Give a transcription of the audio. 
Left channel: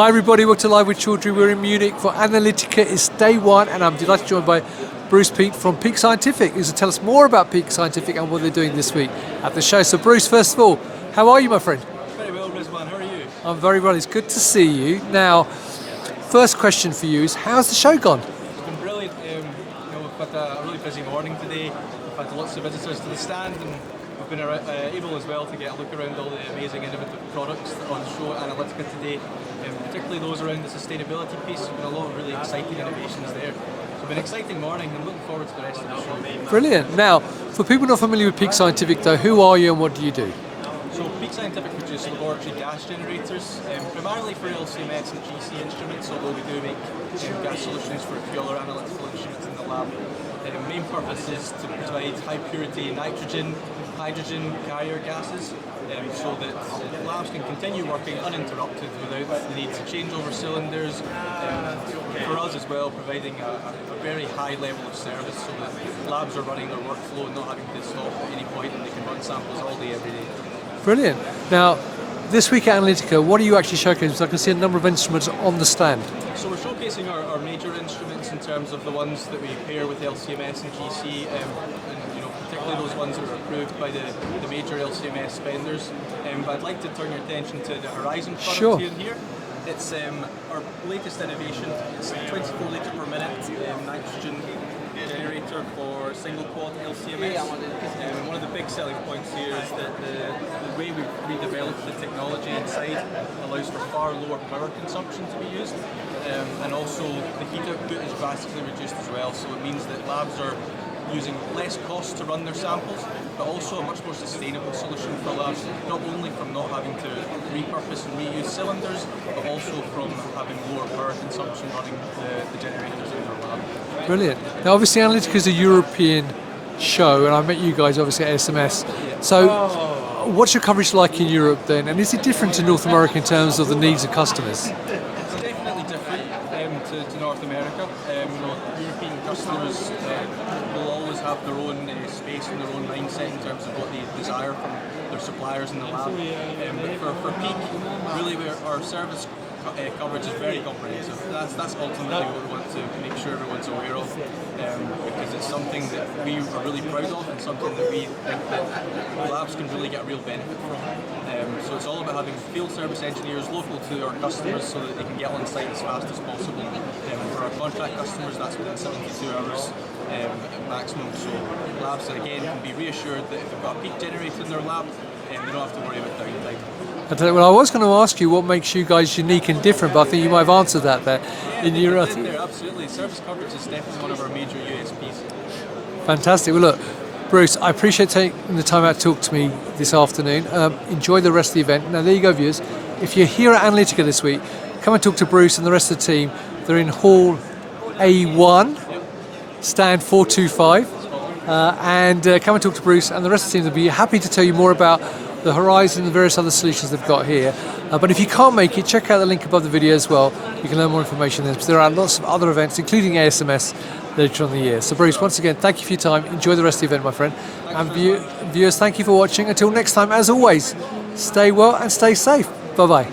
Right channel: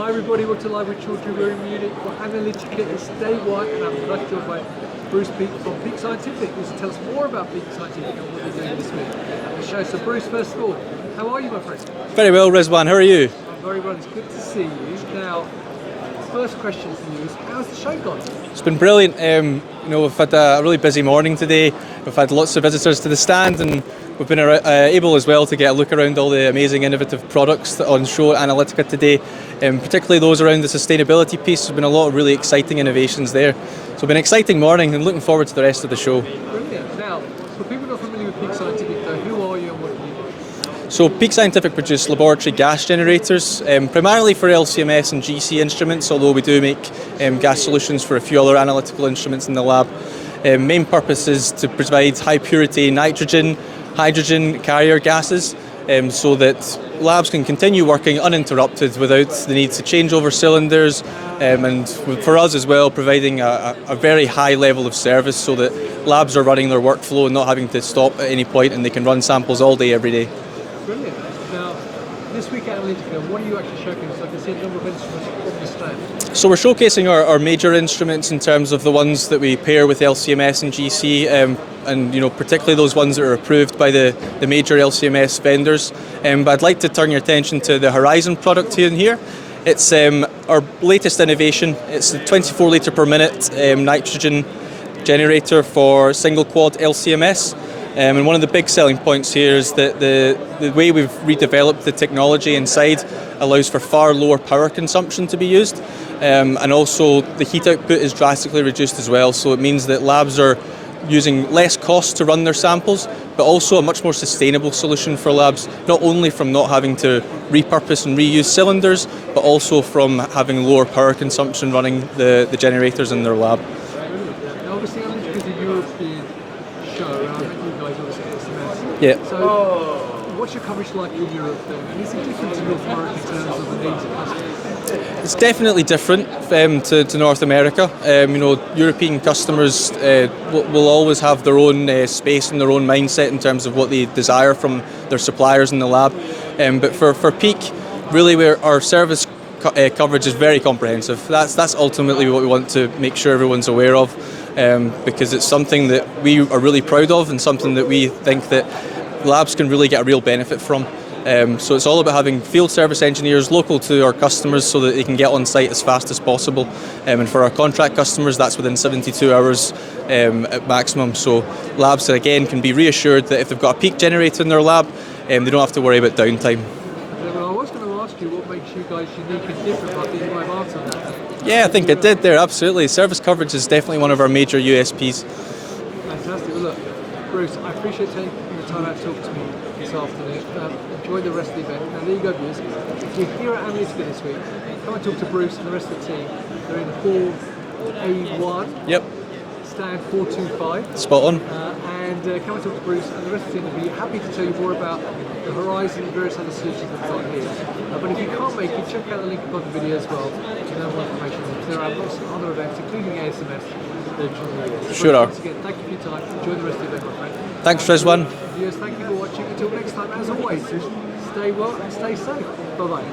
Hi everybody, welcome to Live with Chaudhry. We're in Munich for Analytica. It's day one and I'm delighted to be joined by Bruce Peat from Peat Scientific, who's going to tell us more about Peat Scientific and what they're doing this week at the show. So Bruce, first of all, how are you, my friend? Very well, Rizwan. How are you? I'm very well. It's good to see you. Now, first question for you is, how's the show gone? It's been brilliant. We've had a really busy morning today. We've had lots of visitors to the stand, and we've been able as well to get a look around all the amazing innovative products that are on show at Analytica today, particularly those around the sustainability piece. There's been a lot of really exciting innovations there. So it's been an exciting morning and looking forward to the rest of the show. Brilliant. Now, for people not familiar with Peat Scientific though, who are you and what do you do? So Peat Scientific produce laboratory gas generators, primarily for LCMS and GC instruments, although we do make gas solutions for a few other analytical instruments in the lab. Main purpose is to provide high purity nitrogen, hydrogen carrier gases, so that labs can continue working uninterrupted without the need to change over cylinders, and for us as well, providing a very high level of service so that labs are running their workflow and not having to stop at any point, and they can run samples all day, every day. Brilliant. Now, this week at Analytica, what are you actually showcasing? So I can see a number of instruments on the stand. So we're showcasing our major instruments in terms of the ones that we pair with LCMS and GC, and particularly those ones that are approved by the major LCMS vendors. But I'd like to turn your attention to the Horizen product in here. It's our latest innovation. It's a 24 litre per minute nitrogen generator for single quad LCMS. And one of the big selling points here is that the way we've redeveloped the technology inside allows for far lower power consumption to be used, and also the heat output is drastically reduced as well, so it means that labs are using less cost to run their samples, but also a much more sustainable solution for labs, not only from not having to repurpose and reuse cylinders, but also from having lower power consumption running the generators in their lab. Brilliant. Now obviously Analytica is a European show, and I met you guys obviously at SMS. Yeah. So what's your coverage like in Europe then, and is it different to North America in terms of the needs of customers? It's definitely different to North America. European customers will always have their own space and their own mindset in terms of what they desire from their suppliers in the lab. But for Peak, really our service coverage is very comprehensive. That's ultimately what we want to make sure everyone's aware of. Because it's something that we are really proud of and something that we think that labs can really get a real benefit from. So it's all about having field service engineers local to our customers so that they can get on site as fast as possible. And for our contract customers, that's within 72 hours at maximum. So labs, again, can be reassured that if they've got a Peak generator in their lab, they don't have to worry about downtime. Well, I was going to ask you what makes you guys unique and different, but I think you might have answered that there. Yeah, I think I did there, absolutely. Service coverage is definitely one of our major USPs. Fantastic. Well, look, Bruce, I appreciate taking the time out to talk to me this afternoon. Enjoy the rest of the event. Now, there you go, viewers. If you're here at Analytica this week, come and talk to Bruce and the rest of the team. They're in Hall A1. Yep. Stand 425. Spot on. And come and talk to Bruce and the rest of the team. They'll be happy to tell you more about the Horizen and the various other solutions they've got here. But if you can't make it, check out the link above the video as well. You can learn more information there. There are lots of other events, including ASMS, later on in the year. So Bruce, once again, thank you for your time. Enjoy the rest of the event, my friend. Thanks, Rizwan. Viewers, thank you for watching. Until next time, as always, stay well and stay safe. Bye-bye.